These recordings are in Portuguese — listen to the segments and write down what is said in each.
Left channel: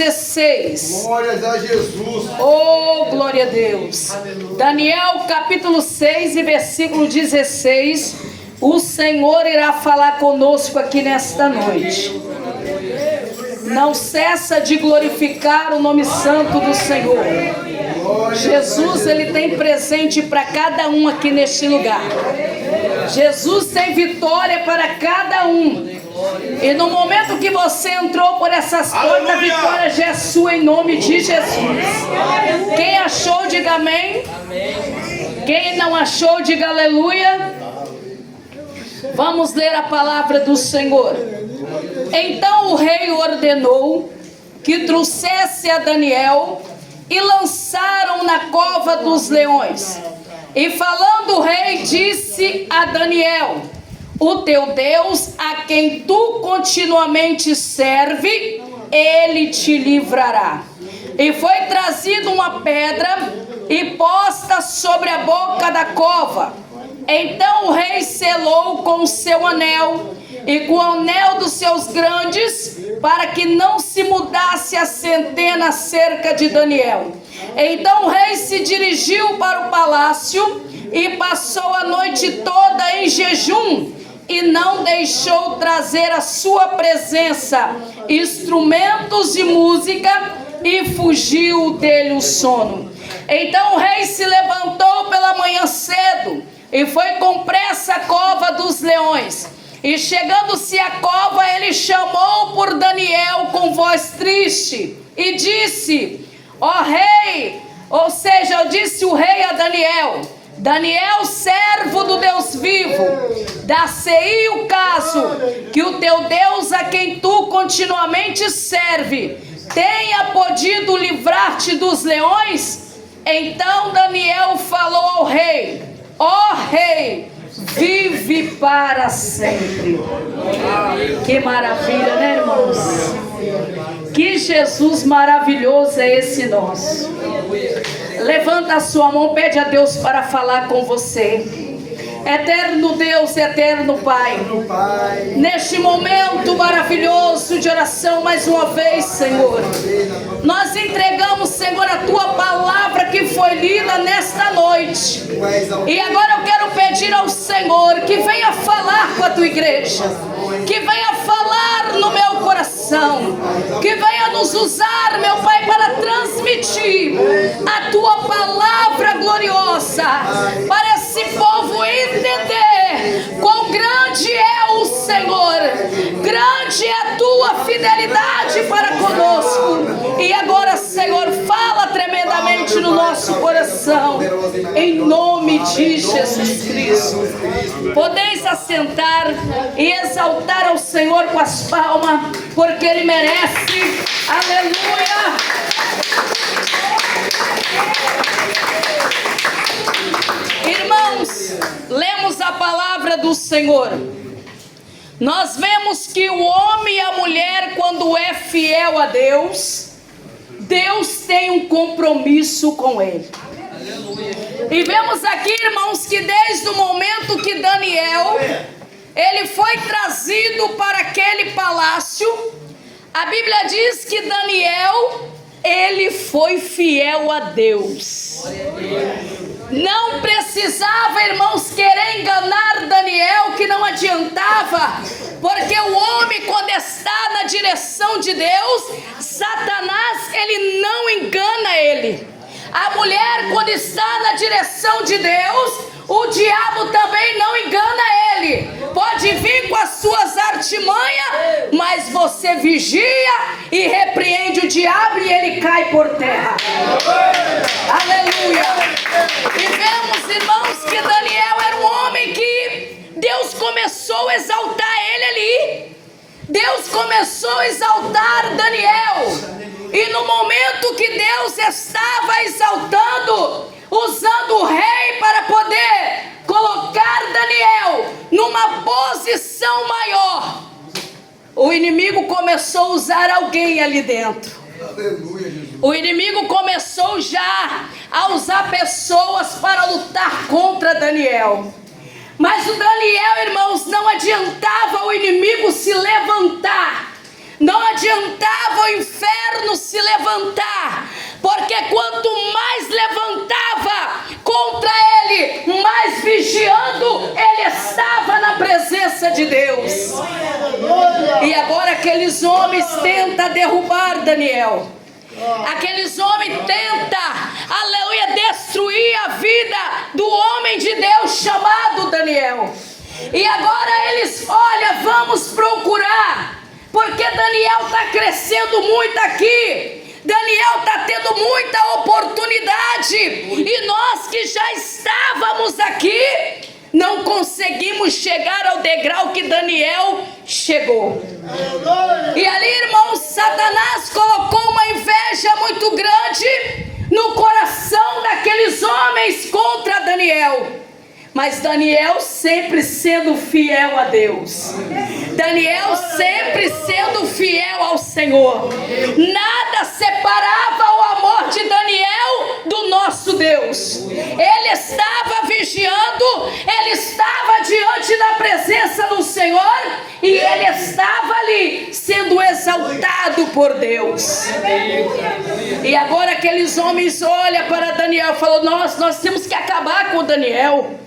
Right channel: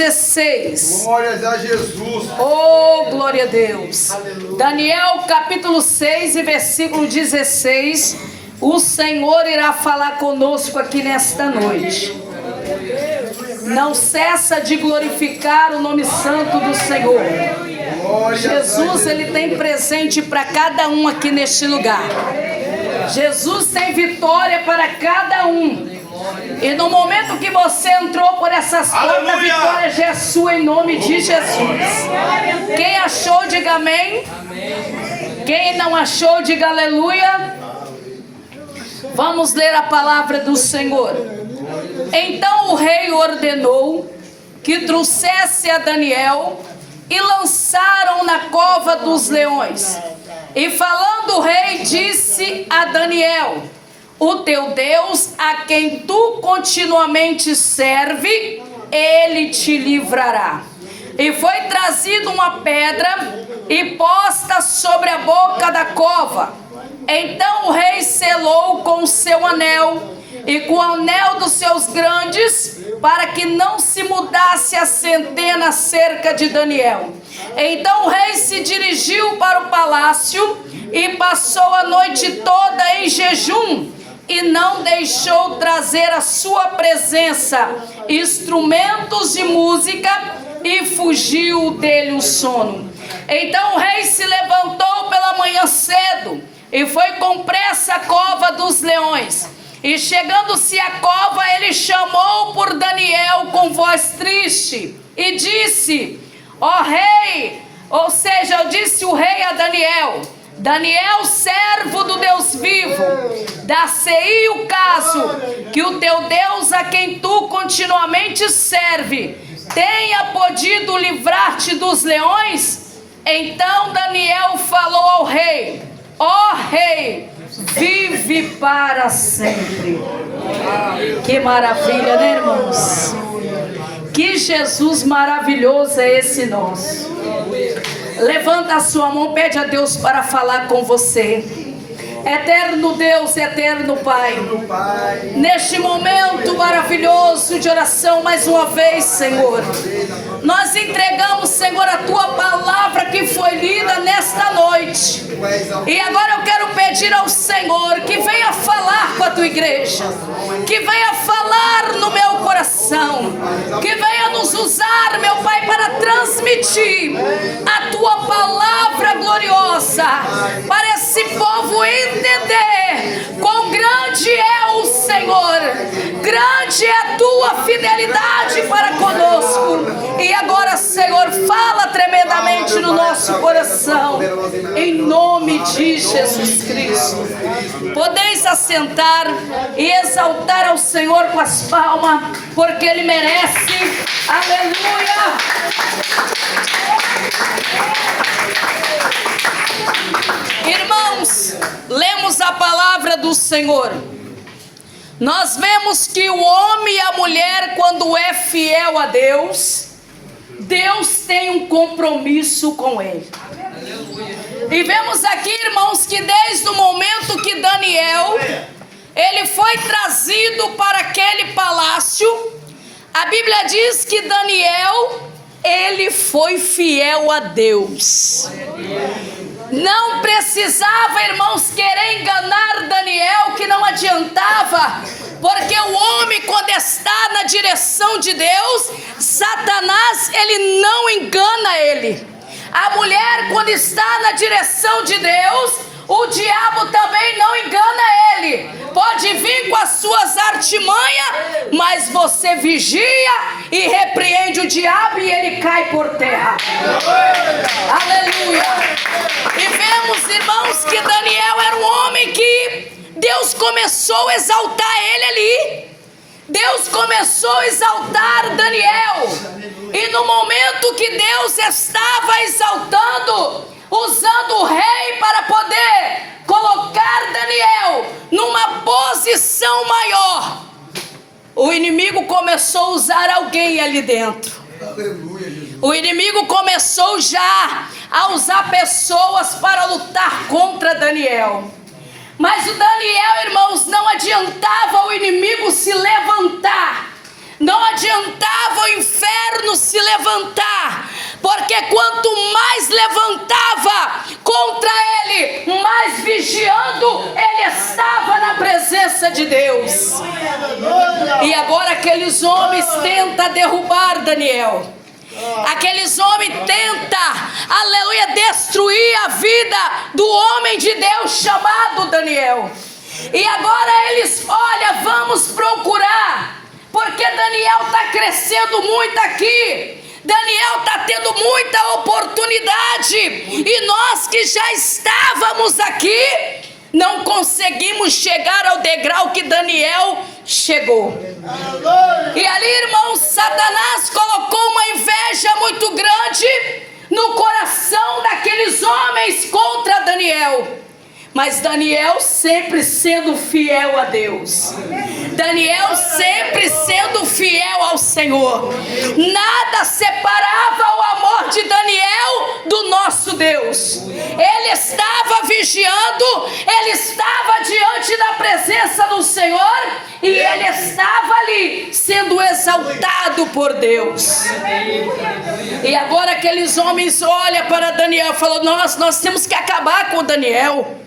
16. Glórias a Jesus. Oh, glória a Deus. Daniel capítulo 6 e versículo 16. O Senhor irá falar conosco aqui nesta noite. Não cessa de glorificar o nome santo do Senhor. Jesus, ele tem presente para cada um aqui neste lugar. Jesus tem vitória para cada um. E no momento que você entrou por essas portas, a vitória já é sua em nome de Jesus. Quem achou, diga amém. Quem não achou, diga aleluia. Vamos ler a palavra do Senhor. Então o rei ordenou que trouxesse a Daniel e lançaram na cova dos leões. E falando o rei, disse a Daniel: o teu Deus, a quem tu continuamente serve, ele te livrará. E foi trazida uma pedra e posta sobre a boca da cova. Então o rei selou com o seu anel e com o anel dos seus grandes, para que não se mudasse a centena acerca de Daniel. Então o rei se dirigiu para o palácio e passou a noite toda em jejum, e não deixou trazer à sua presença instrumentos de música, e fugiu dele o sono. Então o rei se levantou pela manhã cedo e foi com pressa à cova dos leões. E chegando-se à cova, ele chamou por Daniel com voz triste e disse: ó rei, ou seja, disse o rei a Daniel: Daniel, servo do Deus vivo, dá-se-ei o caso que o teu Deus, a quem tu continuamente serve, tenha podido livrar-te dos leões? Então Daniel falou ao rei: ó rei, vive para sempre. Que maravilha, né, irmãos? Que Jesus maravilhoso é esse nosso. Levanta a sua mão, pede a Deus para falar com você. Eterno Deus, eterno Pai, neste momento maravilhoso de oração, mais uma vez, Senhor, nós entregamos, Senhor, a Tua palavra que foi lida nesta noite. E agora eu quero pedir ao Senhor que venha falar com a Tua igreja, que venha falar no meu coração, que venha nos usar, meu Pai, para transmitir a Tua palavra gloriosa, para esse povo entender quão grande é o Senhor, grande é a Tua fidelidade para conosco. E agora, Senhor, fala tremendamente no nosso coração, em nome de Jesus Cristo. Podeis assentar e exaltar ao Senhor com as palmas, porque Ele merece. Aleluia! Irmãos, lemos a palavra do Senhor. Nós vemos que o homem e a mulher, quando é fiel a Deus, Deus tem um compromisso com ele. E vemos aqui, irmãos, que desde o momento que Daniel, ele foi trazido para aquele palácio, a Bíblia diz que Daniel, ele foi fiel a Deus. Não precisava, irmãos, querer enganar Daniel, que não adiantava, porque o homem, quando está na direção de Deus, Satanás, ele não engana ele. A mulher, quando está na direção de Deus, o diabo também não engana ele. Pode vir com as suas artimanhas, mas você vigia e repreende o diabo e ele cai por terra. Aleluia! E vemos, irmãos, que Daniel era um homem que Deus começou a exaltar ele ali. Deus começou a exaltar Daniel. E no momento que Deus estava exaltando, usando o rei para poder colocar Daniel numa posição maior, o inimigo começou a usar alguém ali dentro. O inimigo começou já a usar pessoas para lutar contra Daniel. Mas o Daniel, irmãos, não adiantava o inimigo se levantar, não adiantava o inferno se levantar, porque quanto mais levantava contra ele, mais vigiando ele estava na presença de Deus. E agora aqueles homens tentam derrubar Daniel. Aqueles homens tentam, aleluia, destruir a vida do homem de Deus chamado Daniel. E agora eles, olha, vamos procurar, porque Daniel está crescendo muito aqui. Daniel está tendo muita oportunidade. E nós que já estávamos aqui, não conseguimos chegar ao degrau que Daniel chegou. E ali, irmãos, Satanás colocou uma inveja muito grande no coração daqueles homens contra Daniel. Mas Daniel sempre sendo fiel a Deus. Daniel sempre sendo fiel ao Senhor. Nada separava o amor de Daniel do nosso Deus. Ele estava vigiando, ele estava diante da presença do Senhor e ele estava ali sendo exaltado por Deus. E agora aqueles homens olham para Daniel e falam: nós temos que acabar com Daniel.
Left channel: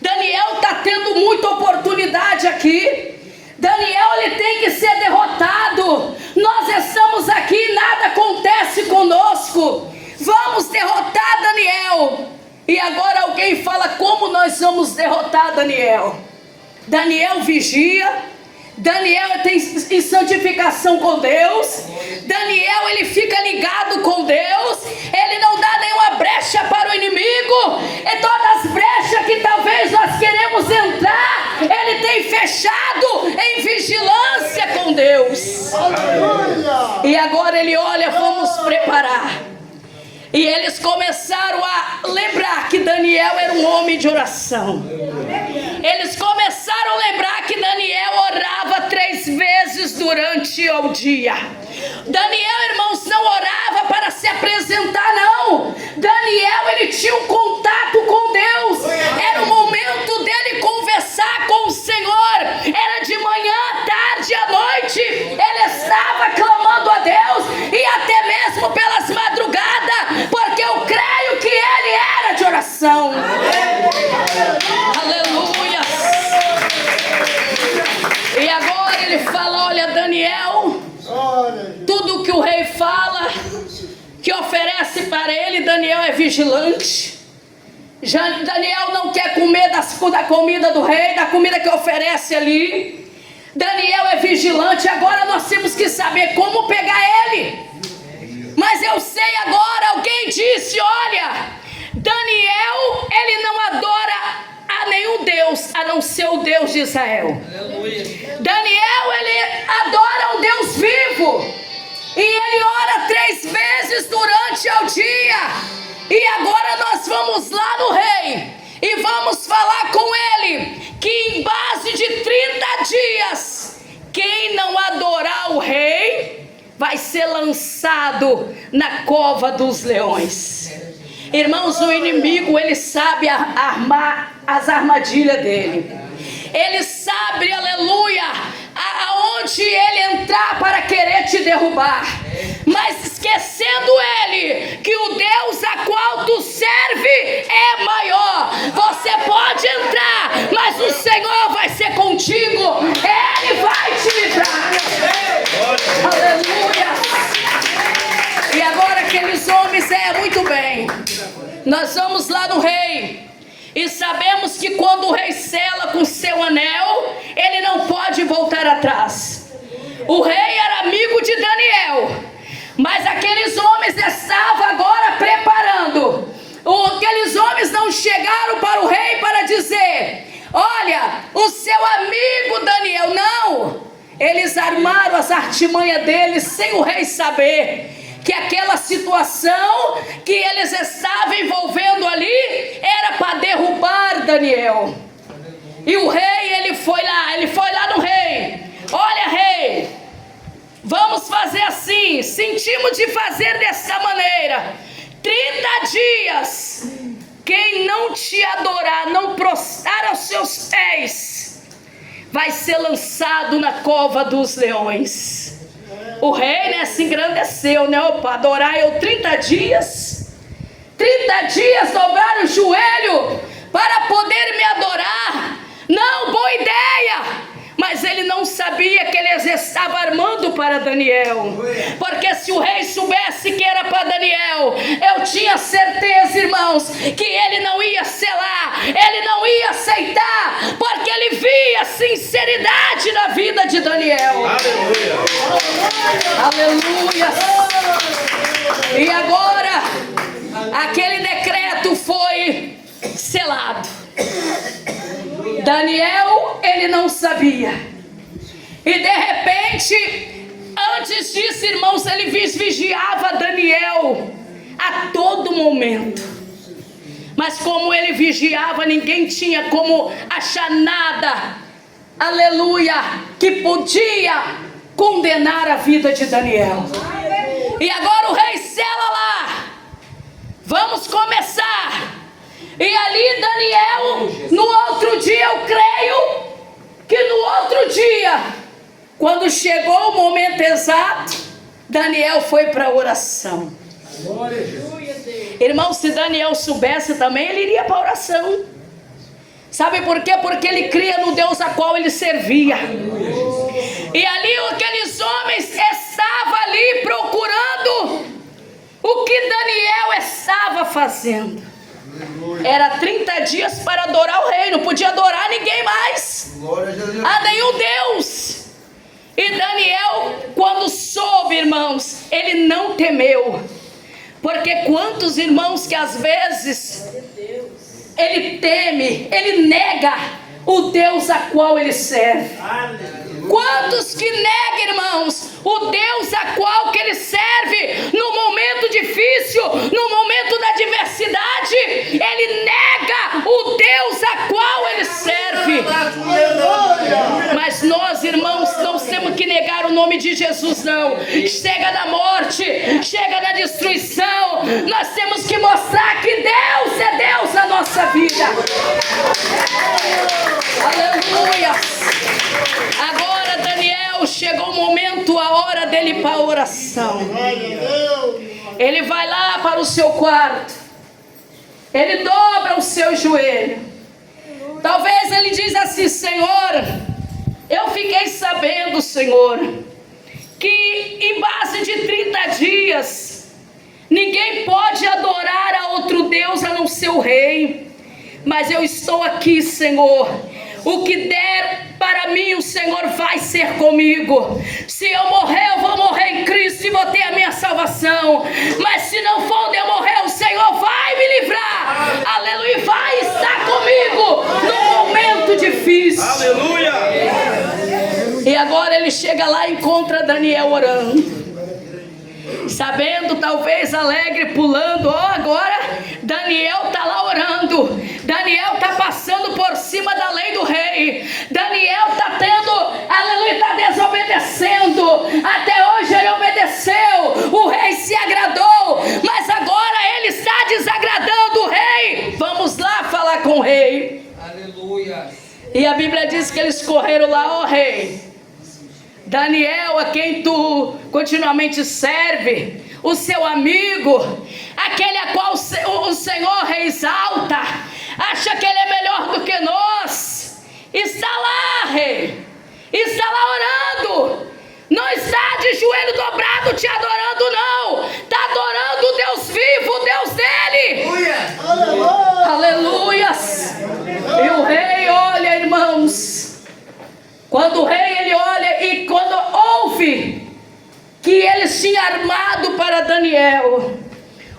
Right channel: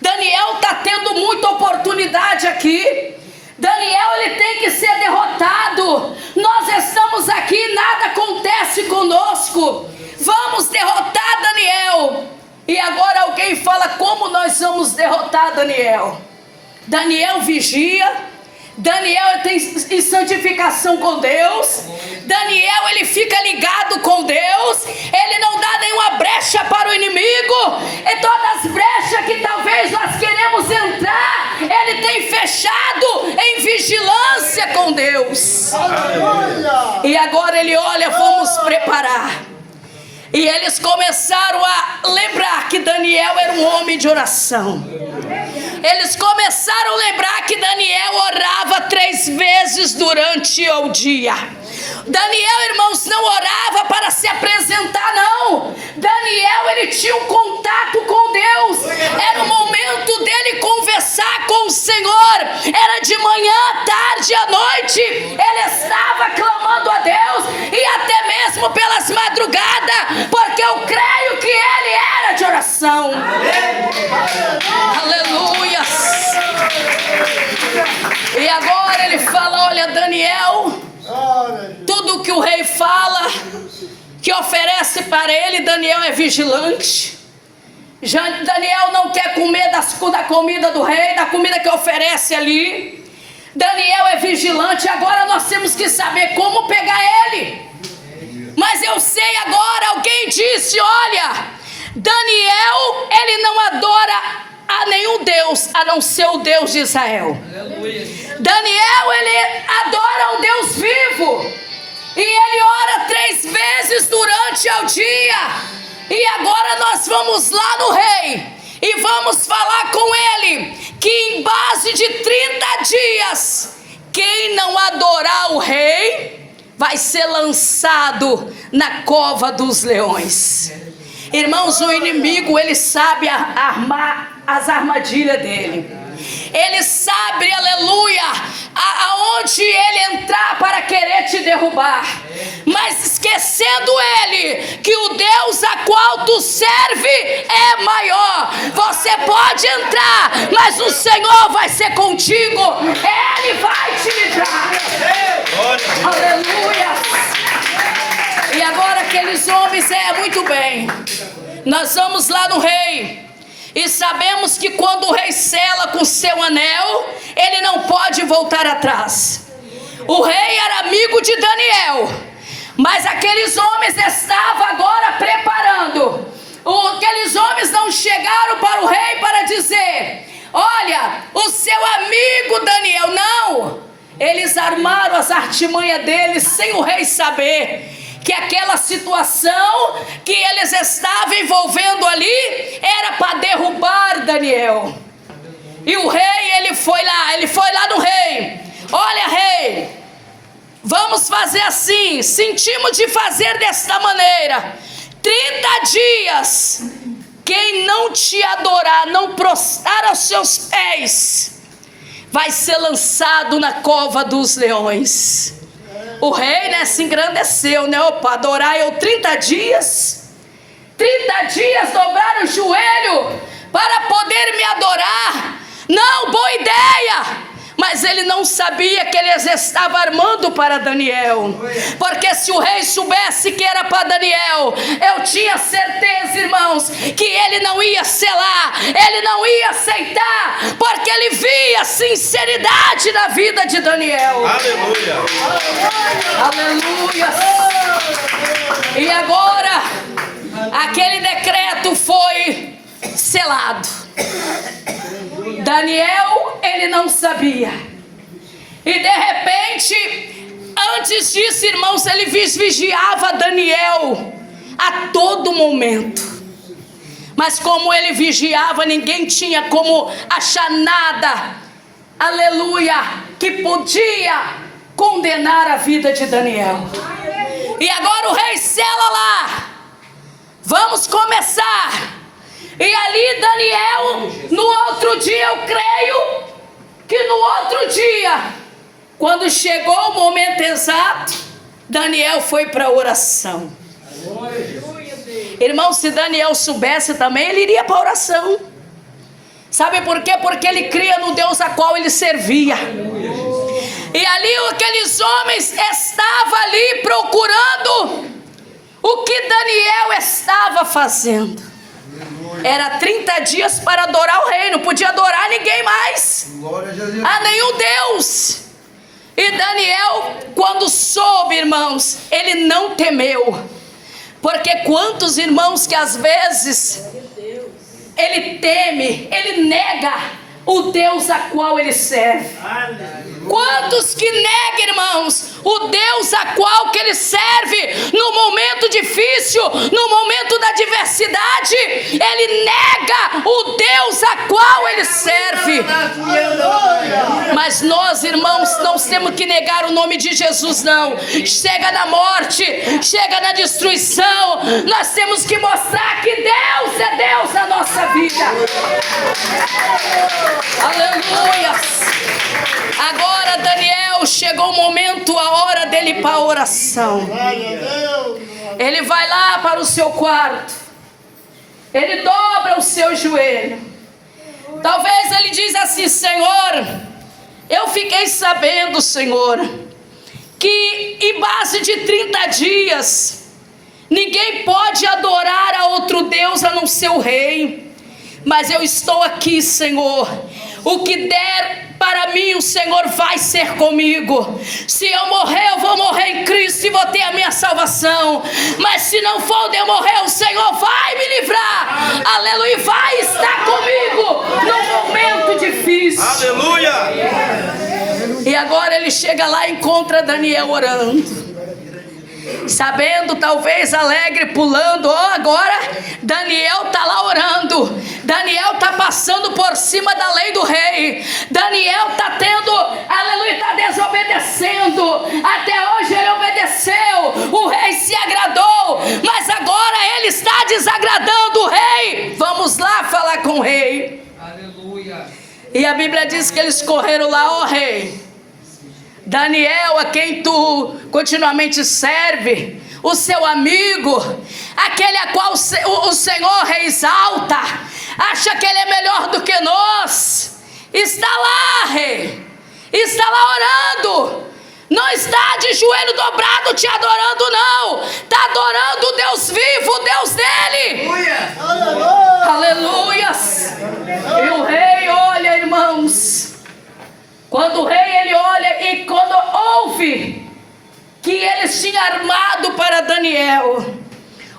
Daniel está tendo muita oportunidade aqui. Daniel, ele tem que ser derrotado. Nós estamos aqui, nada acontece conosco. Vamos derrotar Daniel. E agora alguém fala: como nós vamos derrotar Daniel? Daniel vigia. Daniel tem santificação com Deus. Daniel, ele fica ligado com Deus. Ele não dá nenhuma brecha para o inimigo. E todas as brechas que talvez nós queremos entrar, ele tem fechado em vigilância com Deus. E agora ele olha: vamos preparar. E eles começaram a lembrar que Daniel era um homem de oração. Eles começaram a lembrar que Daniel orava 3 vezes durante o dia. Daniel, irmãos, não orava para se apresentar, não. Daniel, ele tinha um contato com Deus. Era o momento dele conversar com o Senhor. Era de manhã, tarde, à noite. Ele estava clamando a Deus, e até mesmo pelas madrugadas, porque eu creio que ele era de oração. Aleluia. E agora ele fala: olha, Daniel, tudo que o rei fala, que oferece para ele, Daniel é vigilante. Daniel não quer comer da comida do rei, da comida que oferece ali. Daniel é vigilante. Agora nós temos que saber como pegar ele. Mas eu sei agora, alguém disse: olha, Daniel, ele não adora a nenhum Deus, a não ser o Deus de Israel. Aleluia. Daniel, ele adora o Deus vivo. E ele ora 3 vezes durante o dia. E agora nós vamos lá no rei e vamos falar com ele que em base de 30 dias, quem não adorar o rei vai ser lançado na cova dos leões. Irmãos, o inimigo, ele sabe armar as armadilhas dele. Ele sabe, aleluia, aonde ele entrar para querer te derrubar. Mas esquecendo ele que o Deus a qual tu serve é maior. Você pode entrar, mas o Senhor vai ser contigo. Ele vai te livrar. Aleluia. E agora aqueles homens, muito bem, nós vamos lá no rei. E sabemos que quando o rei sela com seu anel, ele não pode voltar atrás. O rei era amigo de Daniel, mas aqueles homens estavam agora preparando. Aqueles homens não chegaram para o rei para dizer: olha, o seu amigo Daniel. Não, eles armaram as artimanhas deles sem o rei saber que aquela situação que eles estavam envolvendo ali era para derrubar Daniel. E o rei, ele foi lá no rei: olha, rei, vamos fazer assim, sentimos de fazer desta maneira, 30 dias, quem não te adorar, não prostrar aos seus pés, vai ser lançado na cova dos leões. O rei, né, se engrandeceu, né? Opa, adorar eu 30 dias. 30 dias dobrar o joelho para poder me adorar. Não, boa ideia. Mas ele não sabia que eles estavam armando para Daniel. Porque se o rei soubesse que era para Daniel, eu tinha certeza, irmãos, que ele não ia selar, ele não ia aceitar, porque ele via sinceridade na vida de Daniel. Aleluia. Aleluia. E agora, aquele decreto foi selado. Daniel, ele não sabia. E de repente, antes disso, irmãos, ele vigiava Daniel a todo momento. Mas como ele vigiava, ninguém tinha como achar nada, aleluia, que podia condenar a vida de Daniel. E agora o rei sela lá. Vamos começar. E ali Daniel, no outro dia, eu creio que no outro dia, quando chegou o momento exato, Daniel foi para a oração. Irmão, se Daniel soubesse também, ele iria para a oração. Sabe por quê? Porque ele cria no Deus a qual ele servia. E ali aqueles homens estavam ali procurando o que Daniel estava fazendo. Era 30 dias para adorar o rei, não podia adorar ninguém mais, a nenhum Deus. E Daniel, quando soube, irmãos, ele não temeu. Porque quantos irmãos que às vezes ele teme, ele nega o Deus a qual ele serve. Quantos que negam, irmãos, o Deus a qual que ele serve no momento difícil, no momento da adversidade, ele nega o Deus a qual ele serve. Mas nós, irmãos, não temos que negar o nome de Jesus, não. Chega da morte, chega da destruição, nós temos que mostrar que Deus é Deus na nossa vida. Aleluia. Agora Daniel, chegou o momento, a hora dele ir para a oração. Ele vai lá para o seu quarto, ele dobra o seu joelho. Talvez ele diz assim: Senhor, eu fiquei sabendo, Senhor, que em base de 30 dias ninguém pode adorar a outro Deus a não ser o rei. Mas eu estou aqui, Senhor. O que der para mim, o Senhor vai ser comigo. Se eu morrer, eu vou morrer em Cristo e vou ter a minha salvação. Mas se não for de eu morrer, o Senhor vai me livrar. Aleluia, vai estar comigo no momento difícil. Aleluia. E agora ele chega lá e encontra Daniel orando. Sabendo, talvez alegre, pulando. Agora Daniel está lá orando. Daniel está passando por cima da lei do rei. Daniel está tendo, aleluia, está desobedecendo. Até hoje ele obedeceu, o rei se agradou, mas agora ele está desagradando o rei. Vamos lá falar com o rei. Aleluia. E a Bíblia diz que eles correram lá: ó rei, Daniel, a quem tu continuamente serve, o seu amigo, aquele a qual o Senhor exalta, acha que ele é melhor do que nós, está lá, rei, está lá orando, não está de joelho dobrado te adorando, não, está adorando o Deus vivo, o Deus dele. Aleluia. E o rei olha, irmãos. Quando o rei ele olha e quando ouve que eles tinham armado para Daniel,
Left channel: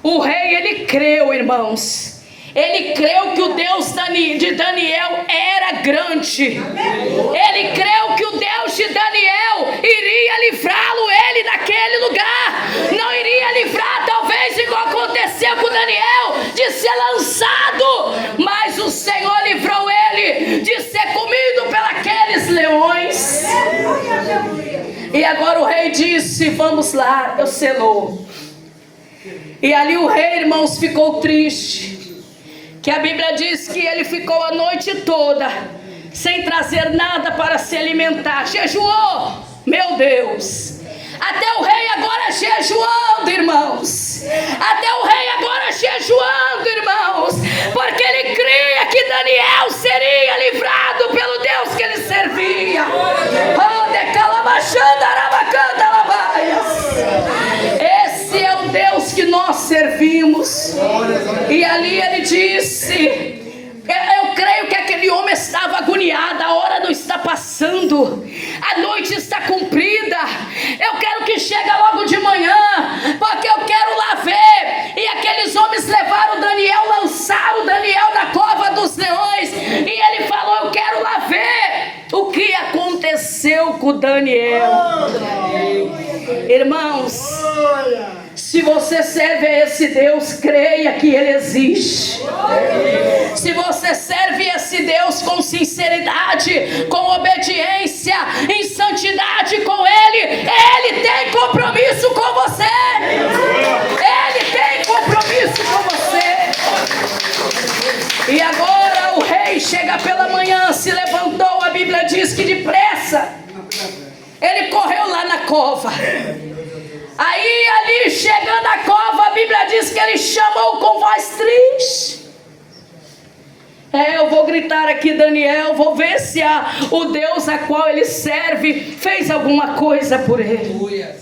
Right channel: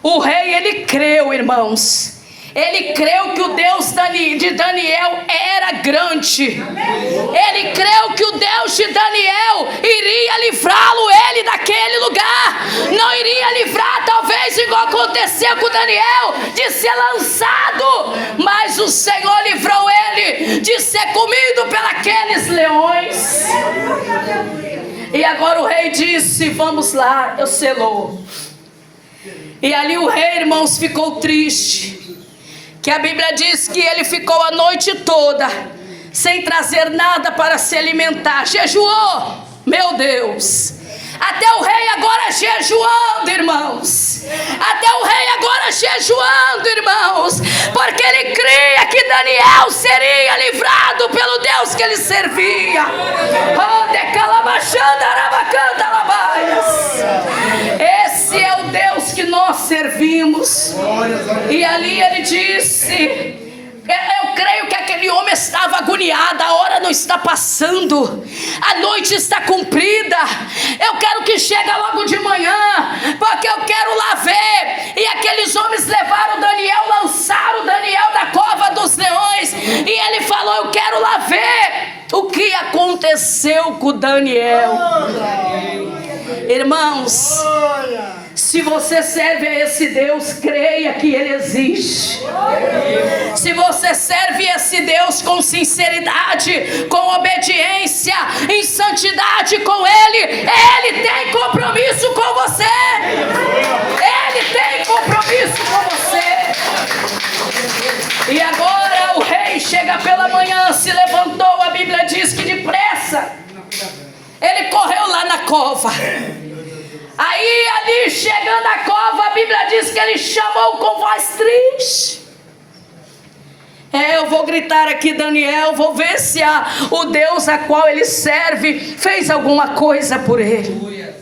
o rei ele creu, irmãos. Ele creu que o Deus de Daniel era grande. Ele creu que o Deus de Daniel iria livrá-lo ele daquele lugar. Não iria livrar, talvez igual aconteceu com Daniel, de ser lançado, mas o Senhor livrou ele de ser comido pelos leões. E agora o rei disse: vamos lá, eu selou. E ali o rei, irmãos, ficou triste, que a Bíblia diz que ele ficou a noite toda sem trazer nada para se alimentar, jejuou, meu Deus. Até o rei agora jejuando, irmãos. Até o rei agora jejuando, irmãos. Porque ele cria que Daniel seria livrado pelo Deus que ele servia. Esse é o Deus que nós servimos. E ali ele disse... Eu creio que aquele homem estava agoniado. A hora não está passando, a noite está cumprida. Eu quero que chegue logo de manhã, porque eu quero lá ver. E aqueles homens levaram Daniel, lançaram Daniel da cova dos leões. E ele falou: eu quero lá ver o que aconteceu com Daniel. Irmãos, se você serve a esse Deus, creia que Ele existe. Se você serve esse Deus com sinceridade, com obediência, em santidade com Ele, Ele tem compromisso com você. Ele tem compromisso com você. E agora o rei chega pela manhã, se levantou, a Bíblia diz que depressa ele correu lá na cova. Aí ali chegando à cova, a Bíblia diz que ele chamou com voz triste. Eu vou gritar aqui, Daniel, vou ver se o Deus a qual ele serve fez alguma coisa por ele.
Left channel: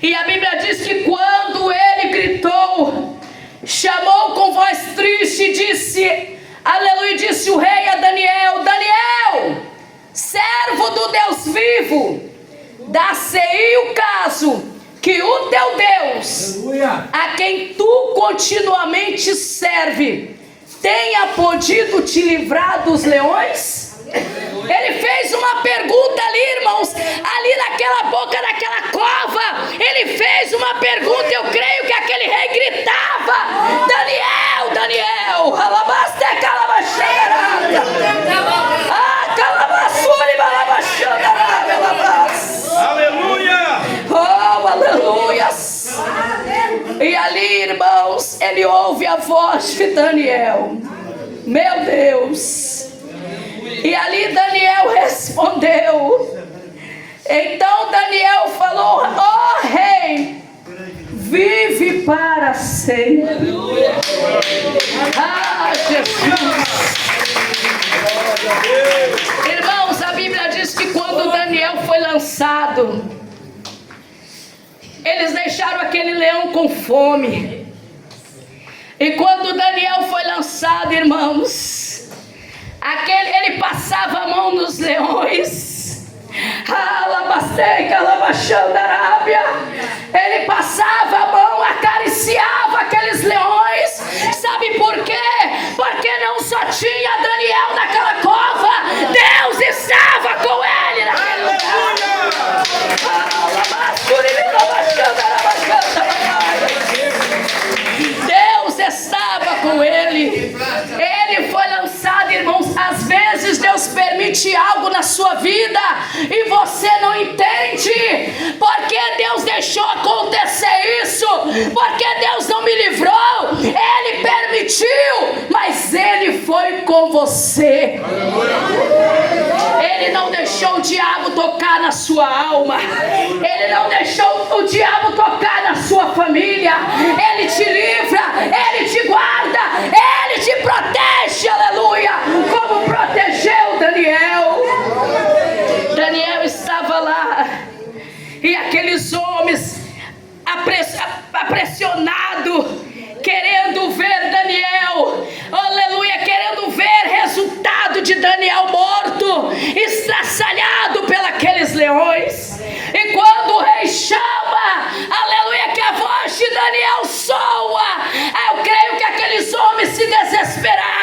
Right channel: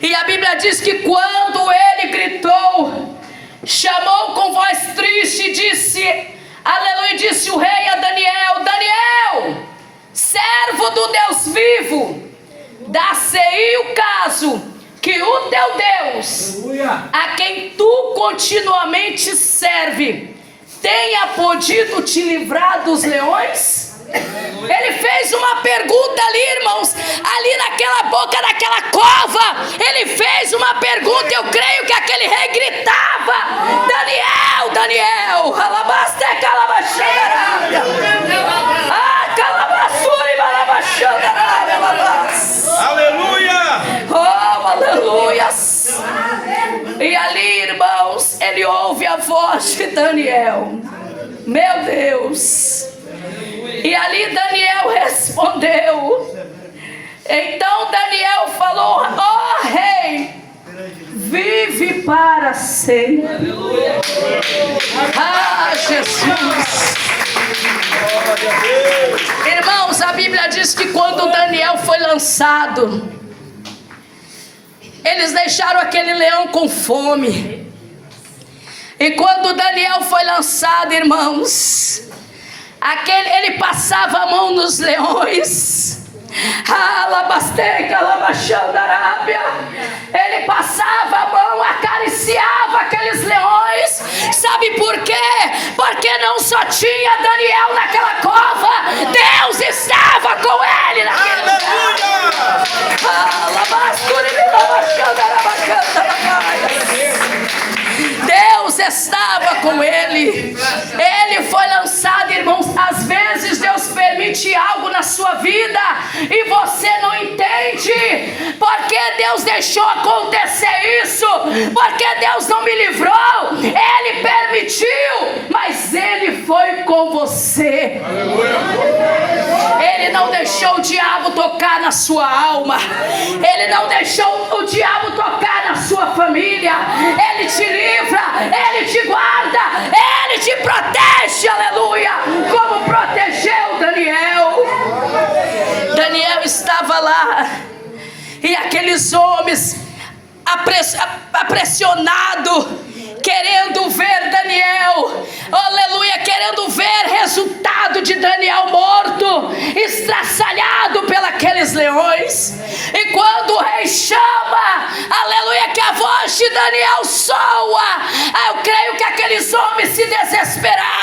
E a Bíblia diz que quando ele gritou, chamou com voz triste, disse, aleluia, disse o rei a Daniel: Daniel, servo do Deus vivo, dá-se-ei o caso que o teu Deus, a quem tu continuamente serve, tenha podido te livrar dos leões? Ele fez uma pergunta ali, irmãos, ali naquela boca daquela cova. Ele fez uma pergunta. Eu creio que aquele rei gritava: Daniel, Daniel, alabaste, calabaxandarábia, calabaçuri, balabaxandarábia, alabas. Aleluia! Oh, aleluias! E ali, irmãos, ele ouve a voz de Daniel. Meu Deus! E ali Daniel respondeu. Então Daniel falou: ó rei, vive para sempre. Ah, Jesus! Irmãos, a Bíblia diz que quando Daniel foi lançado, eles deixaram aquele leão com fome. E quando Daniel foi lançado, irmãos, ele passava a mão nos leões. Ele passava a mão, acariciava aqueles leões. Sabe por quê? Porque não só tinha Daniel naquela cova, Deus estava com ele naquele lugar. Deus estava com ele. Ele foi lançado, irmãos. Às vezes Deus permite algo na sua vida e você não entende. Porque Deus deixou acontecer isso? Porque Deus não me livrou? Ele permitiu, mas Ele foi com você. Ele não deixou o diabo tocar na sua alma. Ele não deixou o diabo tocar na sua família. Ele te livra, Ele te guarda, Ele te protege, aleluia, como protegeu Daniel. Daniel estava lá e aqueles homens pressionados, querendo ver Daniel, aleluia, querendo ver resultado de Daniel morto, estraçalhado pelos leões. E quando o rei chama, aleluia, que a voz de Daniel soa, eu creio que aqueles homens se desesperaram.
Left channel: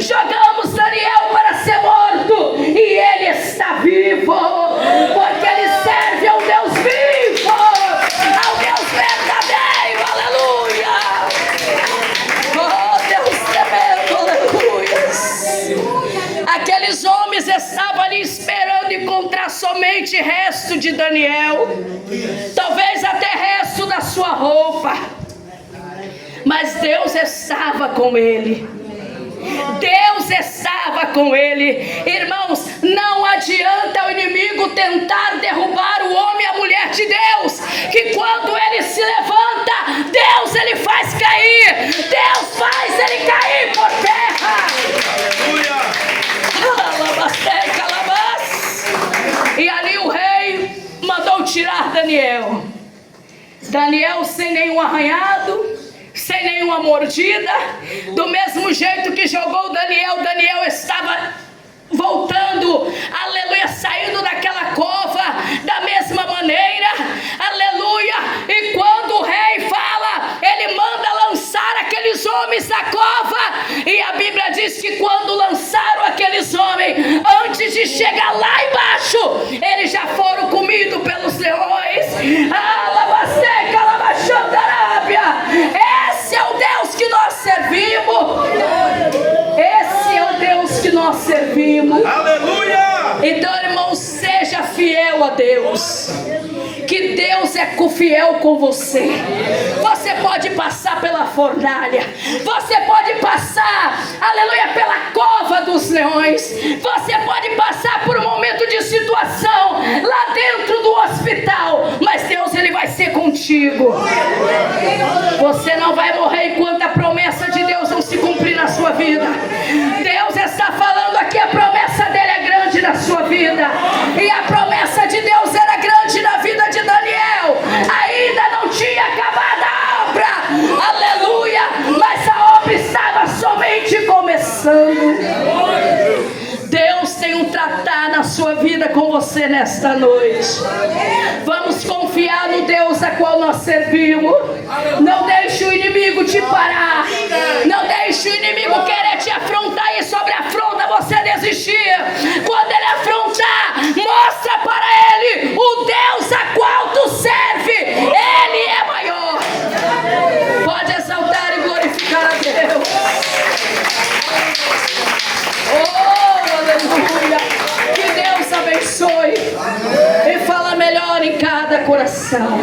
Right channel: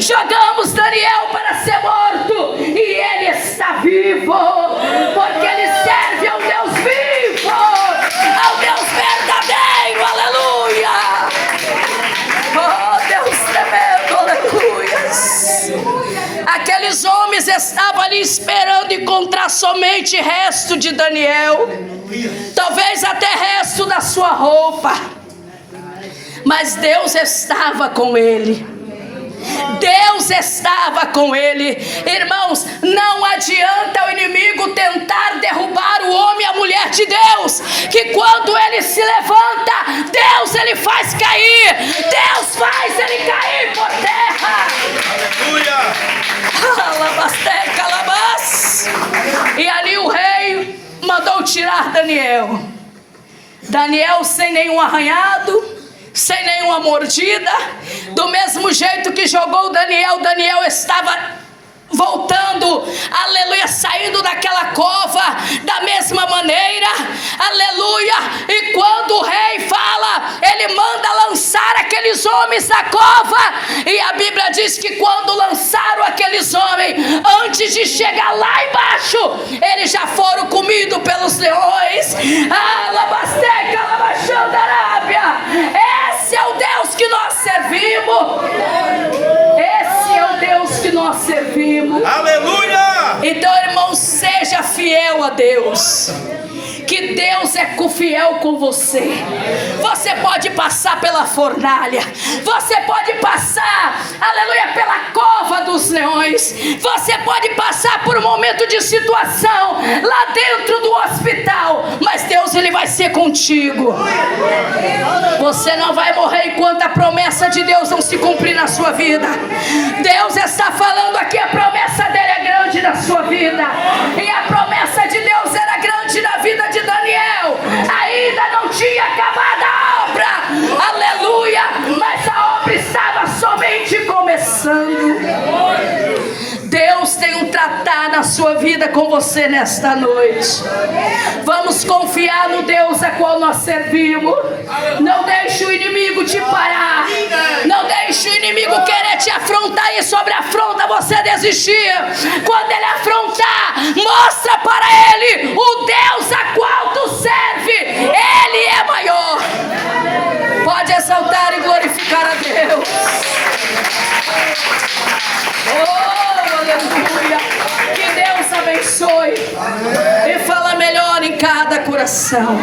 Jogamos Daniel para ser morto e ele está vivo, porque ele serve ao Deus vivo, ao Deus verdadeiro, aleluia. Oh, Deus tremendo, aleluia. Aqueles homens estavam ali esperando encontrar somente resto de Daniel, talvez até resto da sua roupa, mas Deus estava com ele. Deus estava com ele. Irmãos, não adianta o inimigo tentar derrubar o homem e a mulher de Deus, que quando ele se levanta, Deus ele faz cair, Deus faz ele cair por terra. E ali o rei mandou tirar Daniel. Daniel sem nenhum arranhado, sem nenhuma mordida. Do mesmo jeito que jogou Daniel, Daniel estava voltando, aleluia, saindo daquela cova da mesma maneira, aleluia. E quando o rei fala, ele manda lançar aqueles homens da cova, e a Bíblia diz que quando lançaram aqueles homens, antes de chegar lá embaixo, eles já foram comidos pelos leões. Esse é o Deus que nós servimos. Esse é o Deus que nós servimos. Aleluia! Então, irmão, seja fiel a Deus, que Deus é fiel com você. Você pode passar pela fornalha, você pode passar, aleluia, pela cova dos leões, você pode passar por um momento de situação lá dentro do hospital, mas Deus ele vai ser contigo. Você não vai morrer enquanto a promessa de Deus não se cumprir na sua vida. Deus está falando aqui, a promessa dele é grande na sua vida, e a promessa de Deus era grande na vida de Daniel. Ainda não tinha acabado a obra, aleluia, mas a obra estava somente começando. Deus tem um tratar na sua vida com você nesta noite. Vamos confiar no Deus a qual nós servimos. Não deixe o inimigo te parar, não deixe o inimigo querer te afrontar, e sobre a afronta você desistir. Quando ele afrontar, mostra para ele o Deus a qual tu serve, ele é maior. Pode exaltar e glorificar a Deus. Oh, aleluia. Que Deus abençoe e fala melhor em cada coração.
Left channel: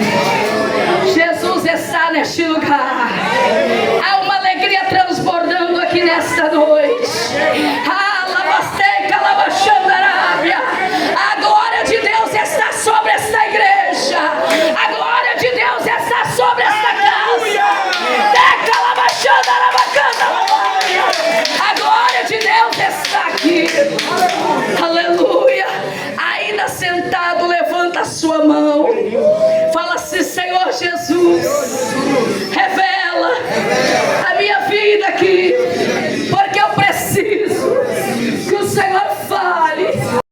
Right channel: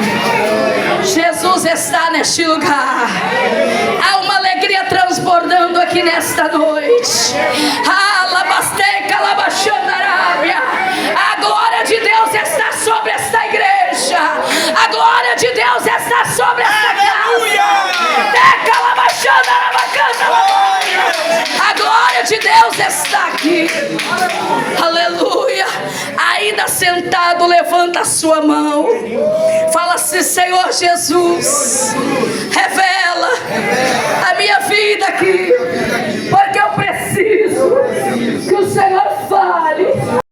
Jesus está neste lugar. Há uma alegria transbordando aqui nesta noite. A glória de Deus está sobre esta igreja. A glória de Deus está sobre esta casa. A glória de Deus está aqui. Aleluia. Ainda sentado, levanta a sua mão. Fala assim: Senhor Jesus, revela a minha vida aqui.